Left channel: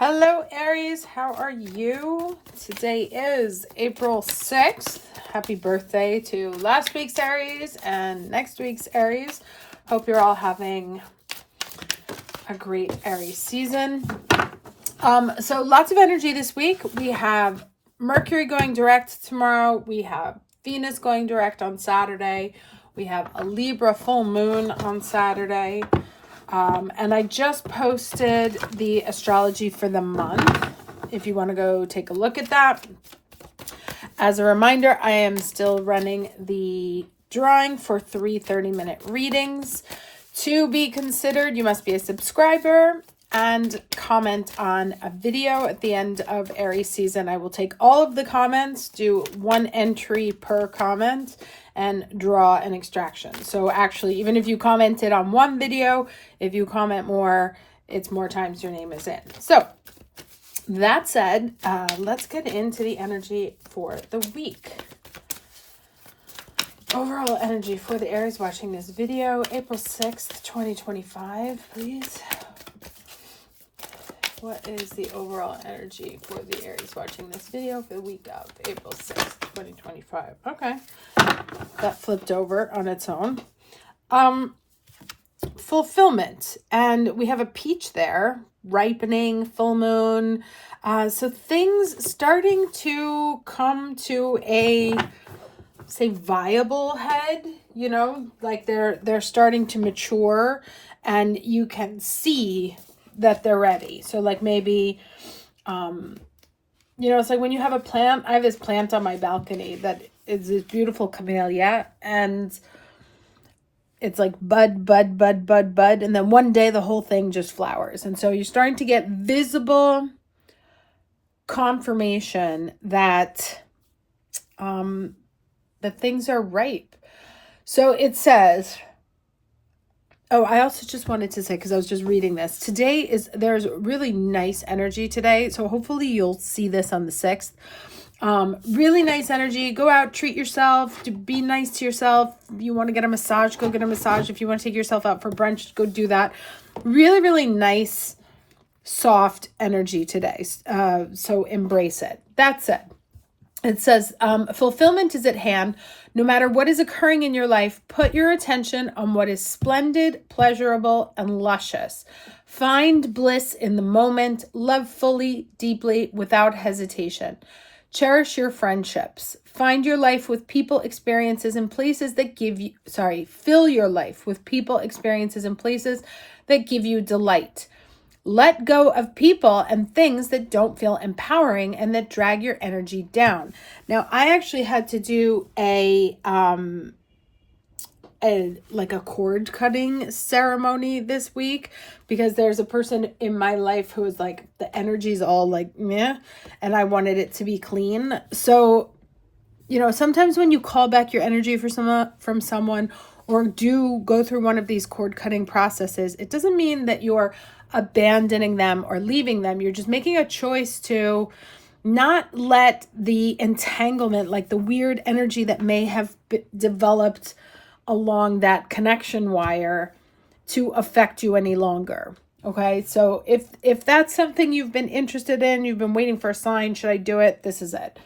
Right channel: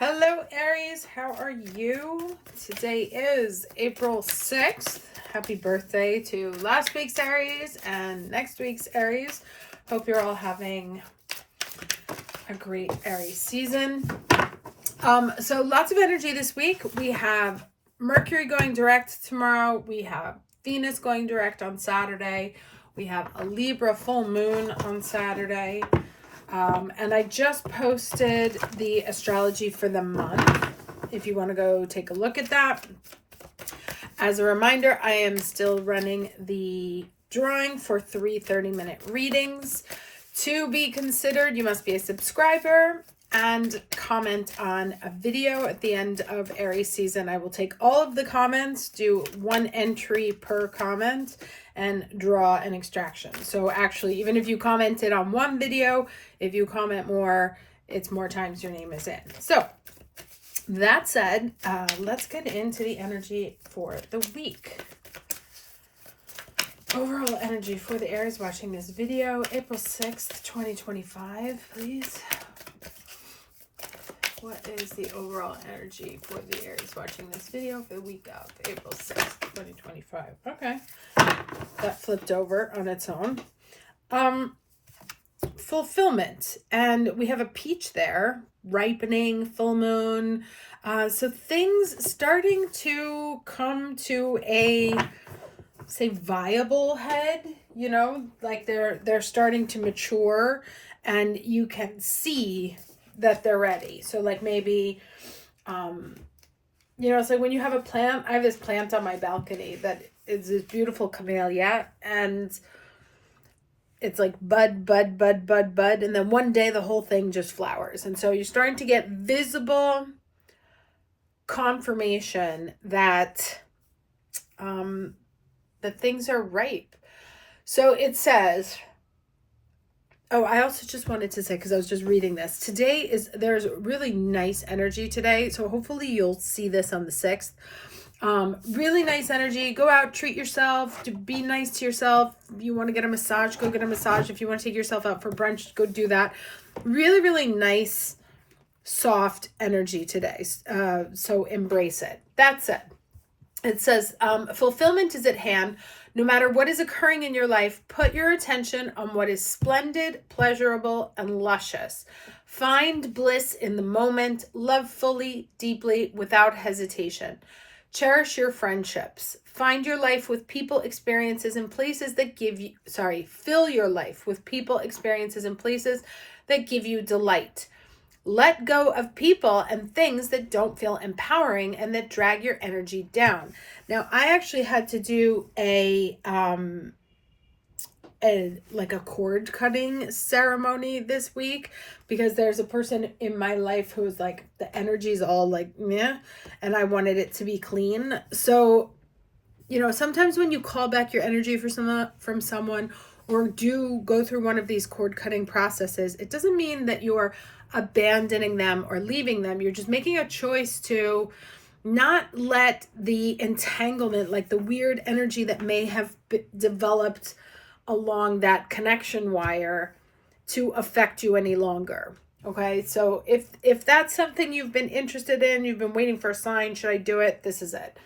Hello, Aries. How are you? Today is April 6th. Happy birthday to last week's Aries and next week's Aries. Hope you're all having a great Aries season. So lots of energy this week. We have Mercury going direct tomorrow. We have Venus going direct on Saturday. We have a Libra full moon on Saturday. And I just posted the astrology for the month, if you want to go take a look at that. As a reminder, I am still running the drawing for 3 30-minute readings. To be considered, you must be a subscriber and comment on a video at the end of Aries season. I will take all of the comments, do 1 entry per comment, and draw an extraction. So actually, even if you commented on one video, if you comment more, it's more times your name is in. So that said, let's get into the energy for the week. Overall energy for the Aries watching this video, April 6th, 2025, please. What is the overall energy for the Aries watching this video for the week of April 6th, 2025? Okay. That flipped over on its own. Fulfillment. And we have a peach there. Ripening, full moon. So things starting to come to a, say, viable head. You know, like they're starting to mature. And you can see that they're ready. So like maybe, you know, it's like when you have a plant. I have this plant on my balcony that is this beautiful camellia, and it's like bud, bud, bud, bud, bud. And then one day the whole thing just flowers. And so you're starting to get visible confirmation that, that things are ripe. So it says, oh, I also just wanted to say, because I was just reading this. There's really nice energy today. So hopefully you'll see this on the 6th. Really nice energy. Go out, treat yourself, be nice to yourself. If you want to get a massage, go get a massage. If you want to take yourself out for brunch, go do that. Really, really nice, soft energy today. So embrace it. That's it. It says, fulfillment is at hand. No matter what is occurring in your life, put your attention on what is splendid, pleasurable, and luscious. Find bliss in the moment. Love fully, deeply, without hesitation. Cherish your friendships. Find your life with people, experiences, and places that fill your life with people, experiences, and places that give you delight. Let go of people and things that don't feel empowering and that drag your energy down. Now, I actually had to do a cord cutting ceremony this week, because there's a person in my life who is like, the energy's all like meh, and I wanted it to be clean. So, you know, sometimes when you call back your energy from someone or do go through one of these cord cutting processes, it doesn't mean that you're abandoning them or leaving them. You're just making a choice to not let the entanglement, like the weird energy that may have developed along that connection wire, to affect you any longer. Okay, so if that's something you've been interested in, you've been waiting for a sign, should I do it? This is it.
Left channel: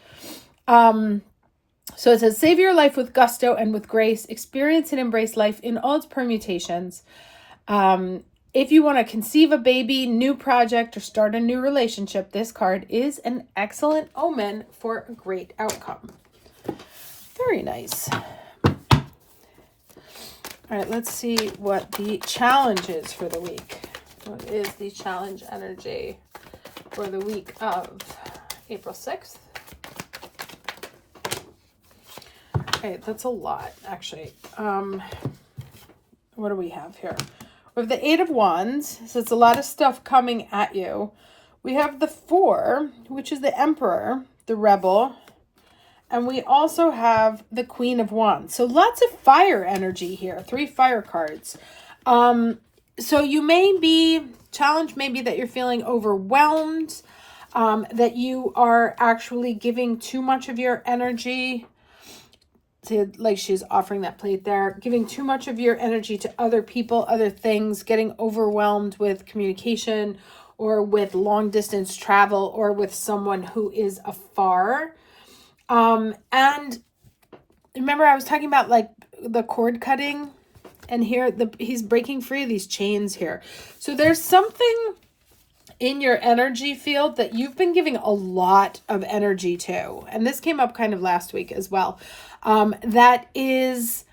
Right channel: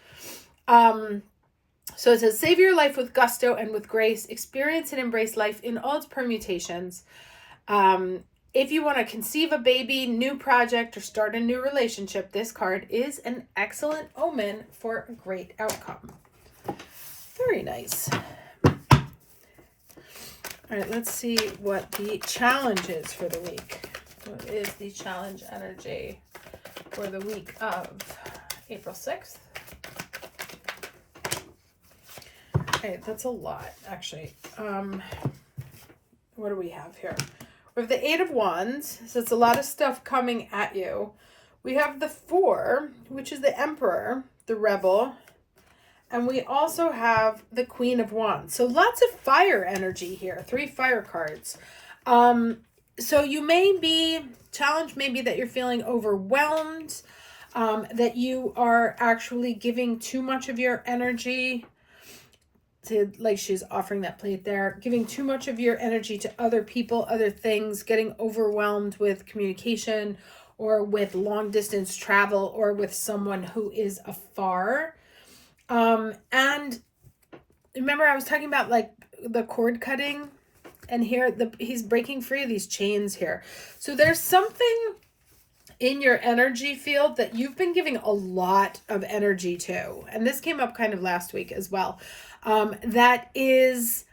So it says, save your life with gusto and with grace. Experience and embrace life in all its permutations. If you want to conceive a baby, new project, or start a new relationship, this card is an excellent omen for a great outcome. Very nice. All right, let's see what the challenge is for the week. What is the challenge energy for the week of April 6th? Okay, that's a lot, actually. What do we have here? We have the 8 of Wands, so it's a lot of stuff coming at you. We have the 4, which is the Emperor, the Rebel. And we also have the Queen of Wands. So lots of fire energy here. 3 fire cards. So you may be challenged, maybe that you're feeling overwhelmed, that you are actually giving too much of your energy to, like she's offering that plate there, giving too much of your energy to other people, other things, getting overwhelmed with communication or with long distance travel or with someone who is afar. And remember I was talking about like the cord cutting, and here he's breaking free of these chains here. So there's something in your energy field that you've been giving a lot of energy to. And this came up kind of last week as well. That is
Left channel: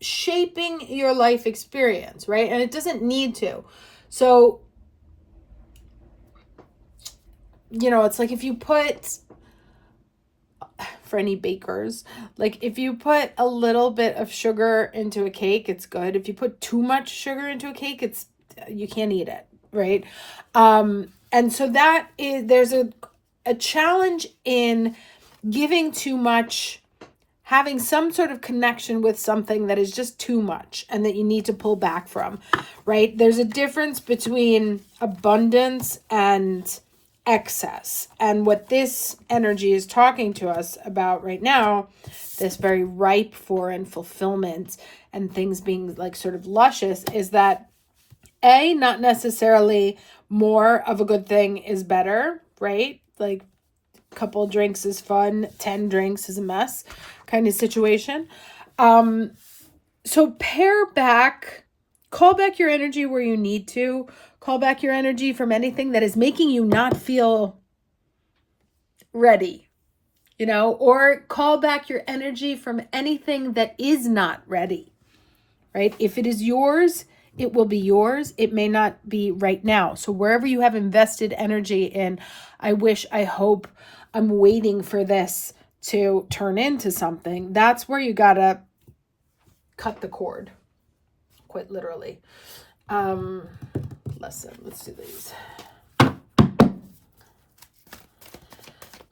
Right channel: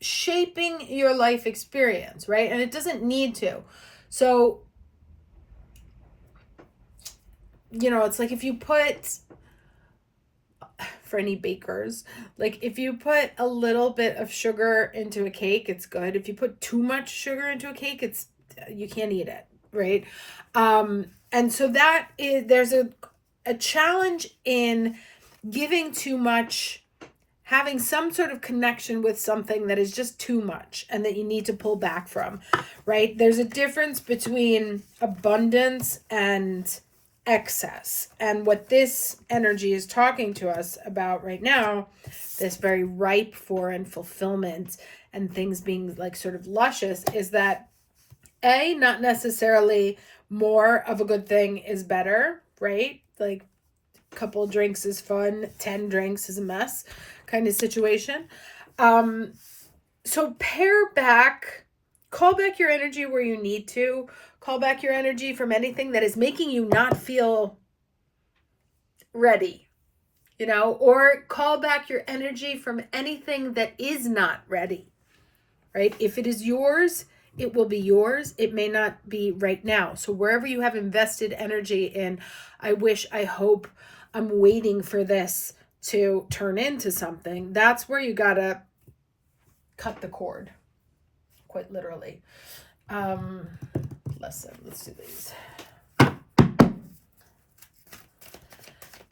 shaping your life experience, right? And it doesn't need to. So, you know, it's like if you put, for any bakers, like if you put a little bit of sugar into a cake, it's good. If you put too much sugar into a cake, you can't eat it, right? And so there's a challenge in giving too much, having some sort of connection with something that is just too much and that you need to pull back from, right? There's a difference between abundance and excess. And what this energy is talking to us about right now, this very ripe for and fulfillment and things being like sort of luscious, is that not necessarily more of a good thing is better, right? Like a couple drinks is fun, 10 drinks is a mess kind of situation. So pare back, call back your energy where you need to. Call back your energy from anything that is making you not feel ready, you know, or call back your energy from anything that is not ready, right? If it is yours, it will be yours. It may not be right now. So wherever you have invested energy in, I wish, I hope, I'm waiting for this to turn into something, that's where you gotta cut the cord, quite literally. Let's do these.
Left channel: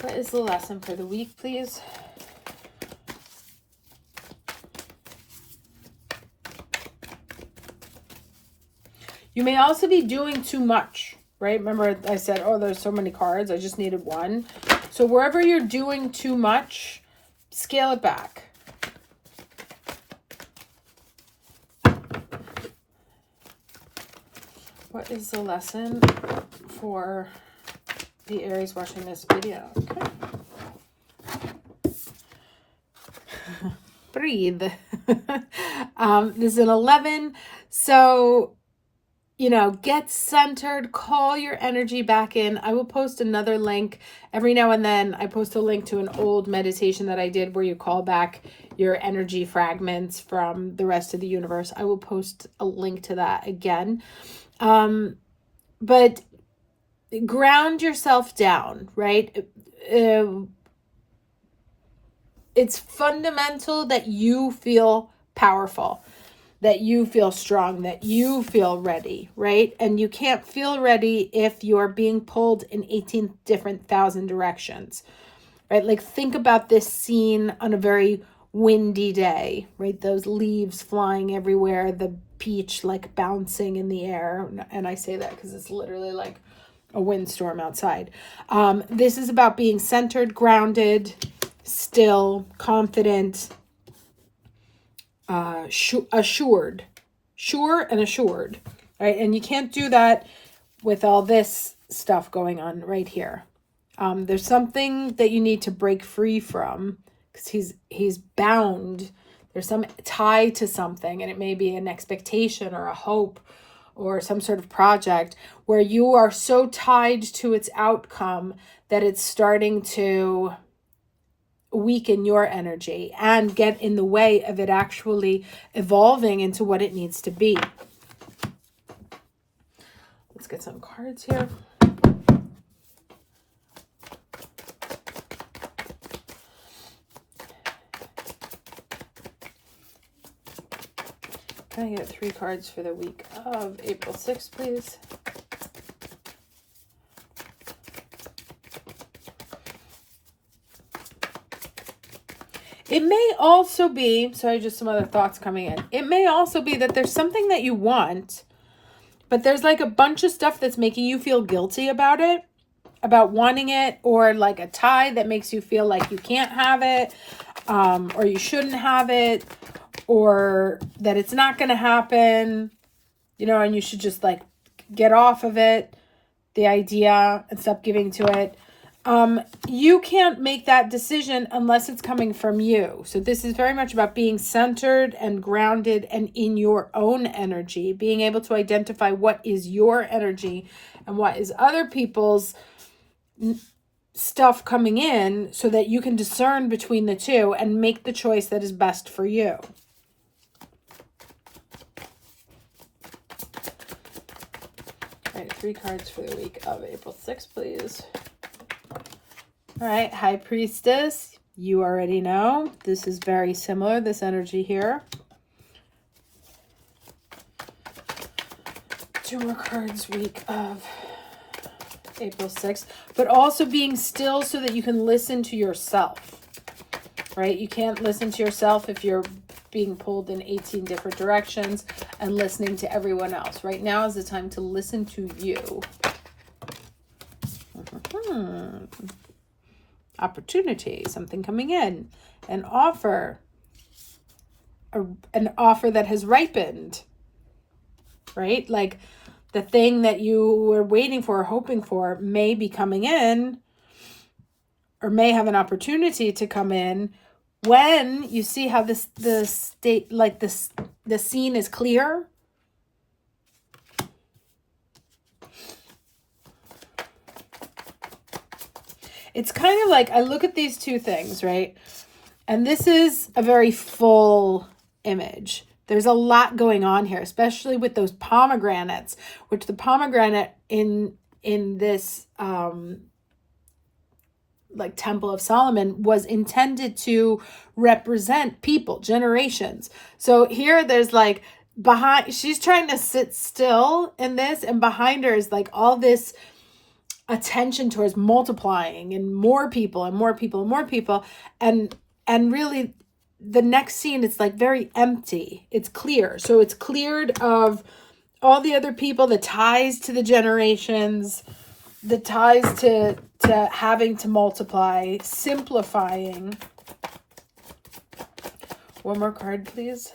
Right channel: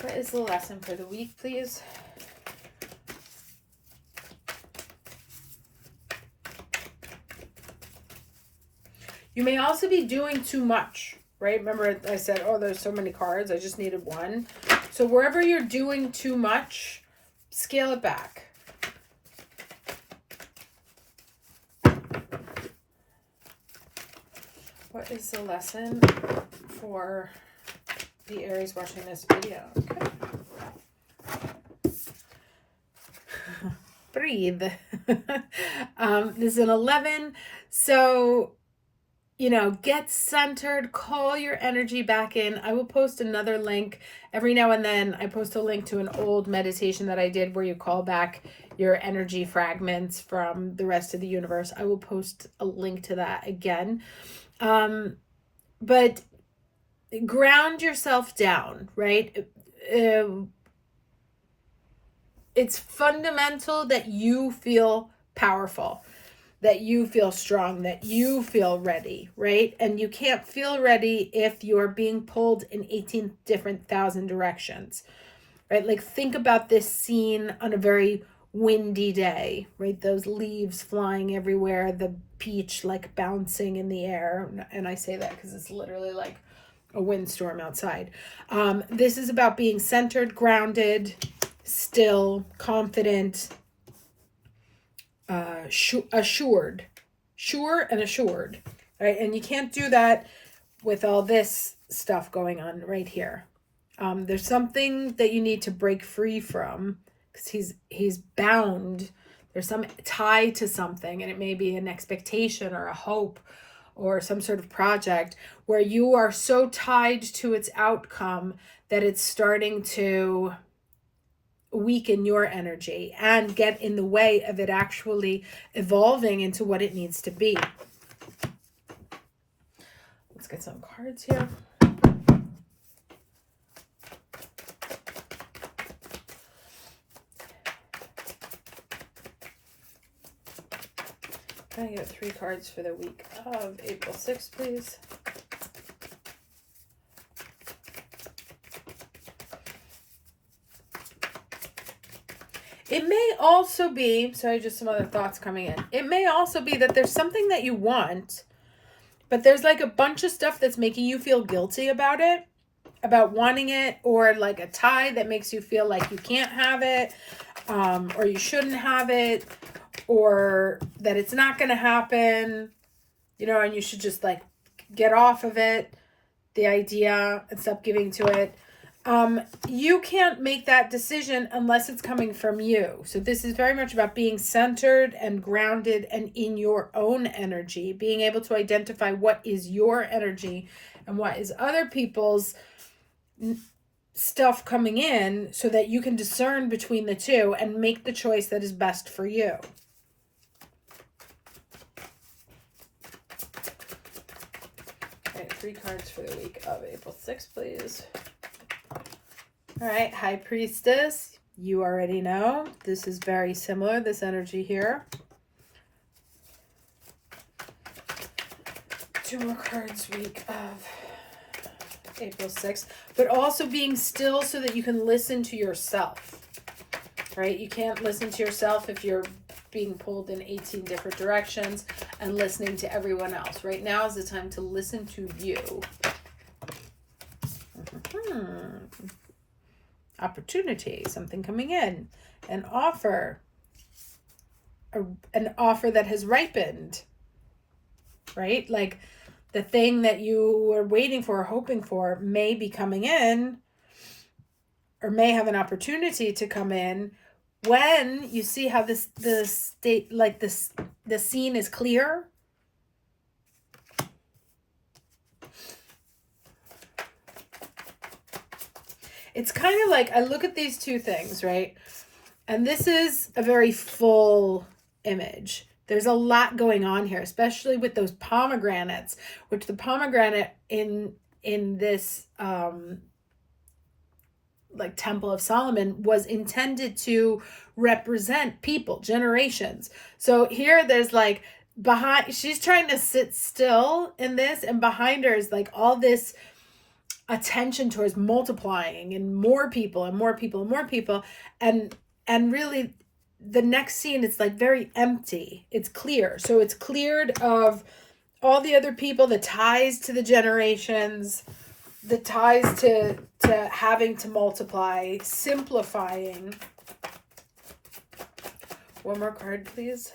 What is the lesson for the week, please? You may also be doing too much, right? Remember I said, oh, there's so many cards, I just needed one. So wherever you're doing too much, scale it back. What is the lesson for the Aries watching this video? Okay. Breathe. This is an 11. So, you know, get centered, call your energy back in. I will post another link. Every now and then I post a link to an old meditation that I did where you call back your energy fragments from the rest of the universe. I will post a link to that again. But ground yourself down, right? It's fundamental that you feel powerful, that you feel strong, that you feel ready, right? And you can't feel ready if you're being pulled in 18 different thousand directions, right? Like think about this scene on a very windy day, right? Those leaves flying everywhere, the peach like bouncing in the air. And I say that because it's literally like a windstorm outside. This is about being centered, grounded, still, confident, assured, sure and assured, right? And you can't do that with all this stuff going on right here. There's something that you need to break free from because he's bound. There's some tie to something, and it may be an expectation or a hope or some sort of project where you are so tied to its outcome that it's starting to weaken your energy and get in the way of it actually evolving into what it needs to be. Let's get some cards here. Can I get 3 cards for the week of April 6th, please? It may also be, so just some other thoughts coming in. It may also be that there's something that you want, but there's like a bunch of stuff that's making you feel guilty about it, about wanting it, or like a tie that makes you feel like you can't have it, or you shouldn't have it, or that it's not going to happen. you know, and you should just like get off of it, the idea, and stop giving to it. You can't make that decision unless it's coming from you. So this is very much about being centered and grounded and in your own energy, being able to identify what is your energy and what is other people's stuff coming in, so that you can discern between the two and make the choice that is best for you. All right, 3 cards for the week of April 6th, please. All right, High Priestess, you already know. This is very similar, this energy here. 2 more cards, week of April 6th. But also being still so that you can listen to yourself, right? You can't listen to yourself if you're being pulled in 18 different directions and listening to everyone else. Right now is the time to listen to you. Opportunity, something coming in, an offer that has ripened, right? Like the thing that you were waiting for or hoping for may be coming in, or may have an opportunity to come in when you see how the scene is clear. It's kind of like, I look at these two things, right? And this is a very full image. There's a lot going on here, especially with those pomegranates, which the pomegranate in this like Temple of Solomon was intended to represent people, generations. So here there's like behind, she's trying to sit still in this, and behind her is like all this attention towards multiplying and more people and more people and more people, and really the next scene, it's like very empty. It's clear. So it's cleared of all the other people, the ties to the generations, the ties to having to multiply, simplifying. One more card, please.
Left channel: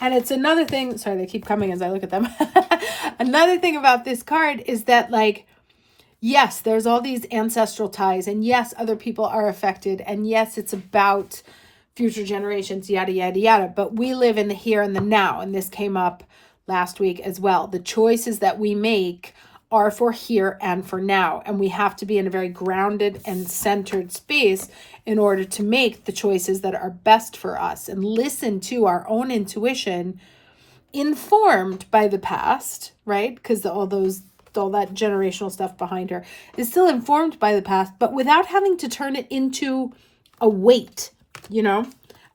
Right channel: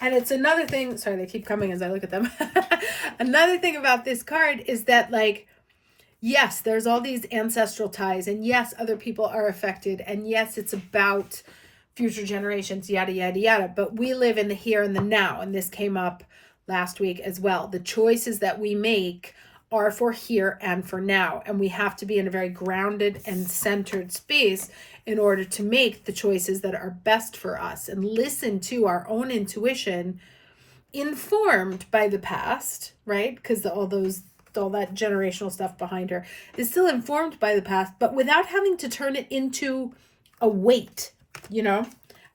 And it's another thing, sorry, they keep coming as I look at them. Another thing about this card is that, like, yes, there's all these ancestral ties, and yes, other people are affected, and yes, it's about future generations, yada, yada, yada. But we live in the here and the now, and this came up last week as well. The choices that we make are for here and for now, and we have to be in a very grounded and centered space in order to make the choices that are best for us and listen to our own intuition, informed by the past, right? Because all that generational stuff behind her is still informed by the past, but without having to turn it into a weight, you know,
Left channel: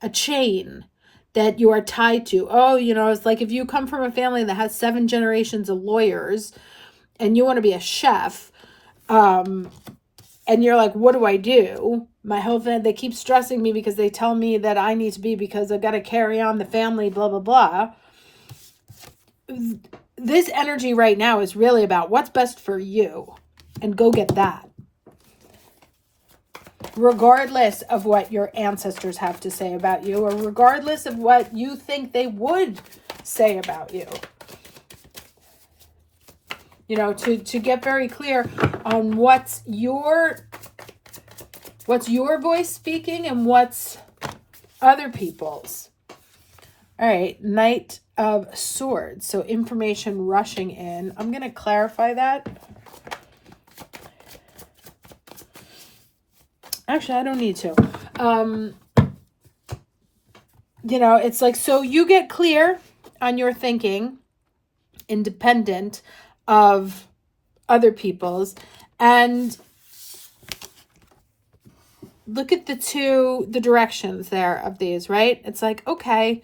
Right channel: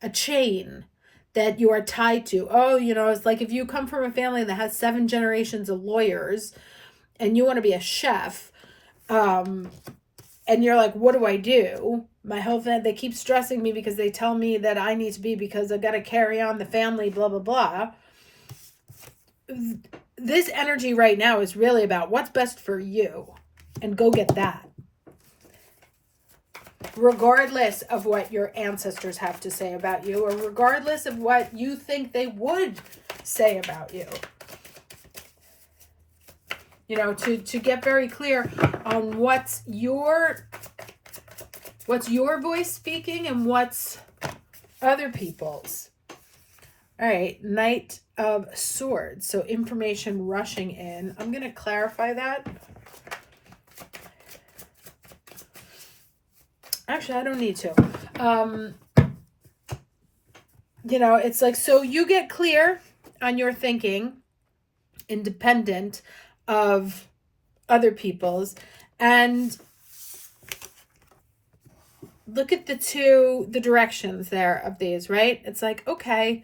a chain that you are tied to. Oh, you know, it's like if you come from a family that has 7 generations of lawyers and you want to be a chef, and you're like, what do I do? My whole family, they keep stressing me because they tell me that I need to be, because I've got to carry on the family, blah, blah, blah. This energy right now is really about what's best for you, and go get that. Regardless of what your ancestors have to say about you, or regardless of what you think they would say about you. You know, to get very clear on what's your voice speaking and what's other people's. All right, Knight of Swords. So information rushing in. I'm going to clarify that. Actually, I don't need to. You know, it's like, so you get clear on your thinking, independent of other people's, and look at the directions there of these, right? It's like, okay,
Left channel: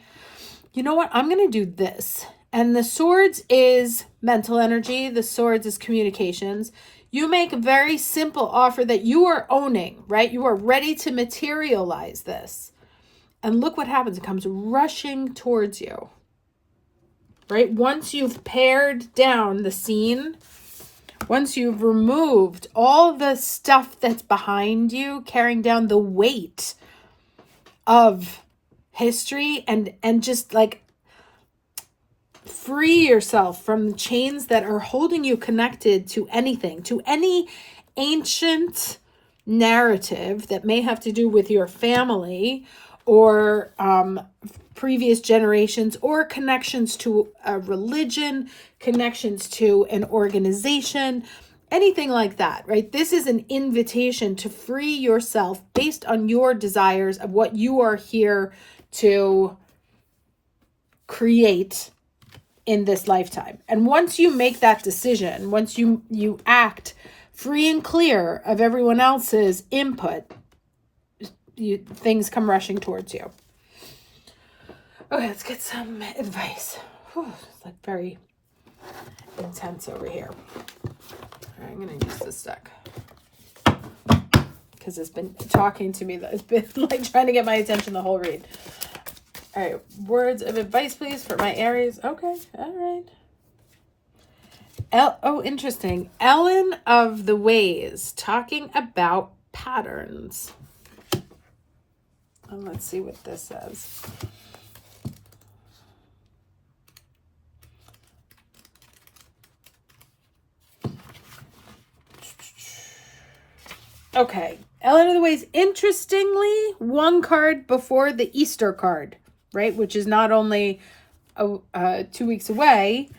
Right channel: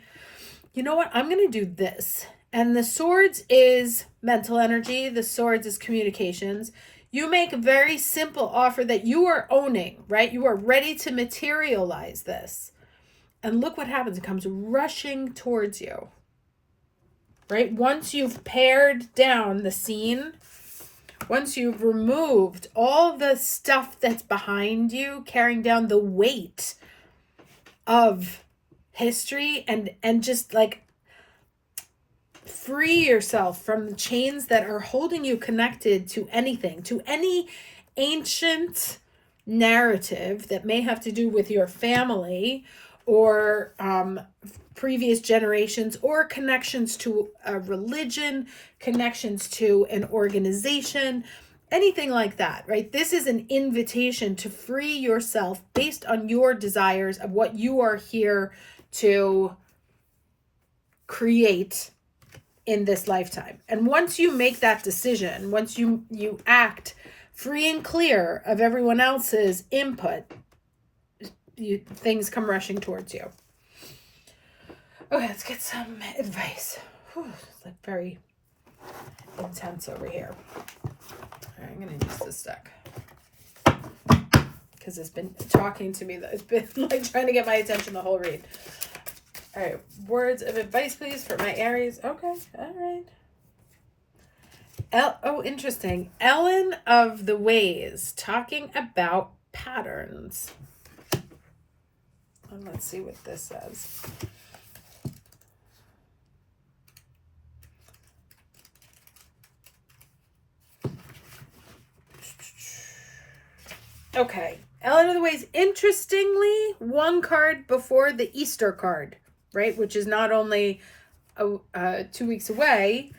you know what? I'm going to do this. And the Swords is mental energy. The Swords is communications. You make a very simple offer that you are owning, right? You are ready to materialize this. And look what happens. It comes rushing towards you, right? Once you've pared down the scene, Once you've removed all the stuff that's behind you, carrying down the weight of history, and just like free yourself from the chains that are holding you connected to anything, to any ancient narrative that may have to do with your family or previous generations, or connections to a religion, connections to an organization, anything like that, right? This is an invitation to free yourself based on your desires of what you are here to create in this lifetime. And once you make that decision, once you act free and clear of everyone else's input, things come rushing towards you. Okay, let's get some advice. Whew, it's like very intense over here. All right, I'm going to use this deck because it's been talking to me. It's been like trying to get my attention the whole read. All right, words of advice, please, for my Aries. Okay, all right. Oh, interesting. Ellen of the Ways, talking about patterns. And let's see what this says. Okay, Ellen of the Ways, interestingly, one card before the Easter card, right? Which is not only 2 weeks away,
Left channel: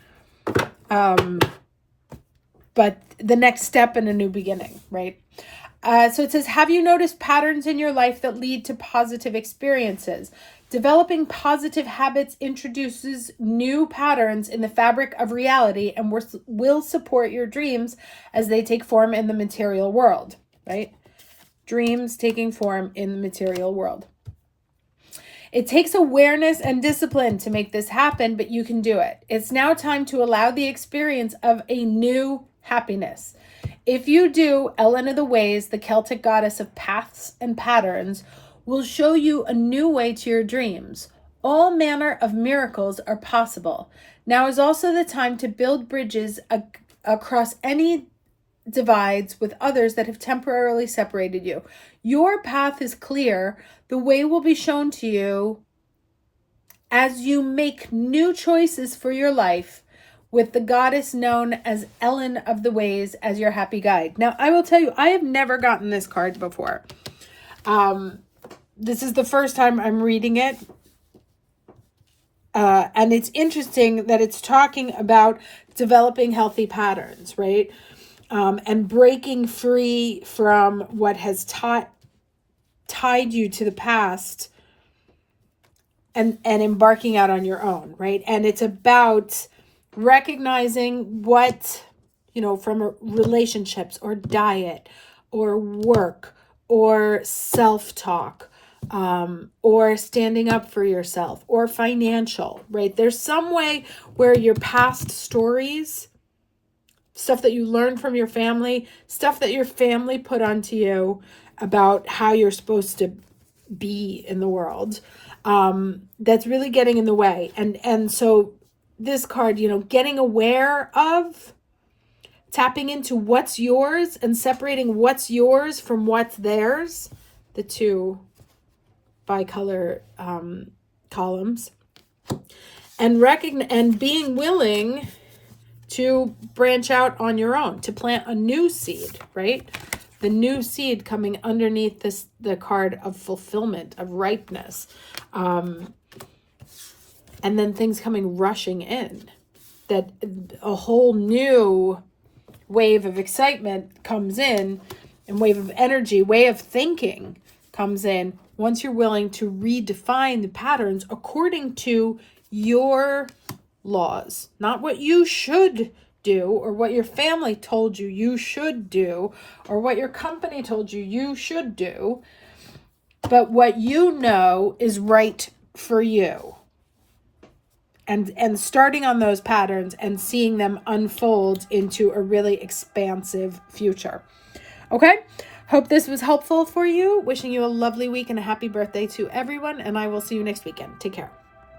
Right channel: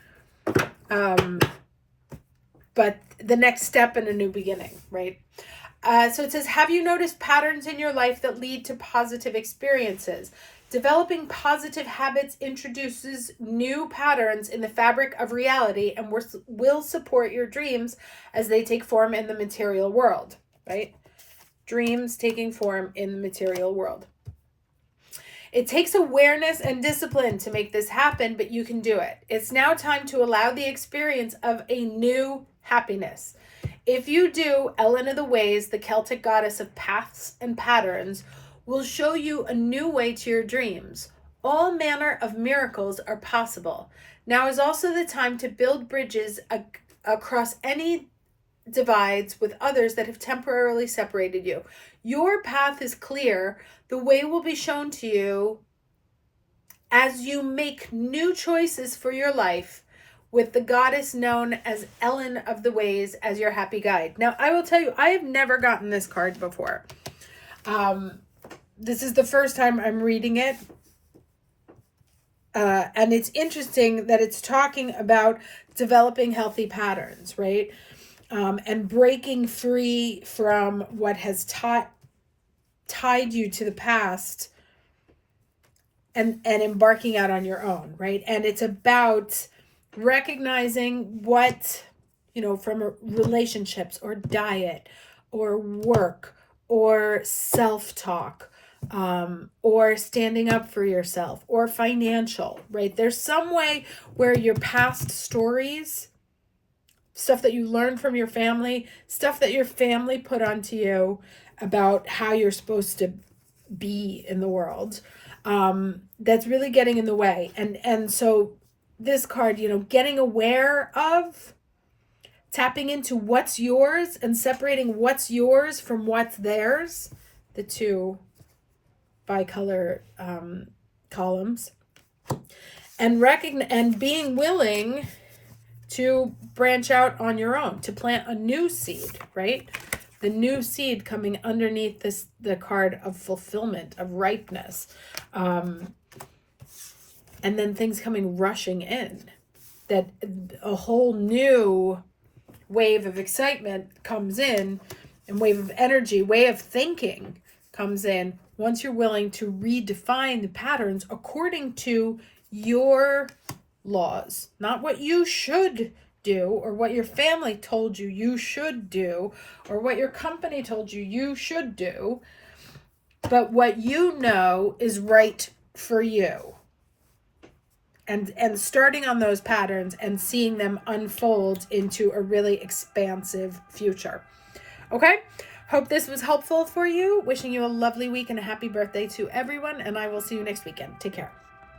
but the next step in a new beginning, right? So it says, have you noticed patterns in your life that lead to positive experiences? Developing positive habits introduces new patterns in the fabric of reality and will support your dreams as they take form in the material world, right? Dreams taking form in the material world. It takes awareness and discipline to make this happen, but you can do it. It's now time to allow the experience of a new happiness. If you do, Ellen of the Ways, the Celtic goddess of paths and patterns, will show you a new way to your dreams. All manner of miracles are possible. Now is also the time to build bridges across any divides with others that have temporarily separated you. Your path is clear. The way will be shown to you as you make new choices for your life, with the goddess known as Ellen of the Ways as your happy guide. Now, I will tell you, I have never gotten this card before. This is the first time I'm reading it. And it's interesting that it's talking about developing healthy patterns, right? And breaking free from what has tied you to the past, and embarking out on your own, right? And it's about recognizing what, from relationships or diet or work or self-talk, or standing up for yourself or financial, right? There's some way where your past stories, stuff that you learned from your family, stuff that your family put onto you about how you're supposed to be in the world, that's really getting in the way. And so this card, getting aware of, tapping into what's yours and separating what's yours from what's theirs, the two bicolor columns, and being willing to branch out on your own, to plant a new seed, right? The new seed coming underneath the card of fulfillment, of ripeness. And then things coming rushing in. That a whole new wave of excitement comes in, and wave of energy, way of thinking comes in once you're willing to redefine the patterns according to your laws, not what you should do or what your family told you should do or what your company told you should do, but what is right for you, and starting on those patterns and seeing them unfold into a really expansive future. Okay, hope this was helpful for you. Wishing you a lovely week and a happy birthday to everyone, and I will see you next weekend. Take care.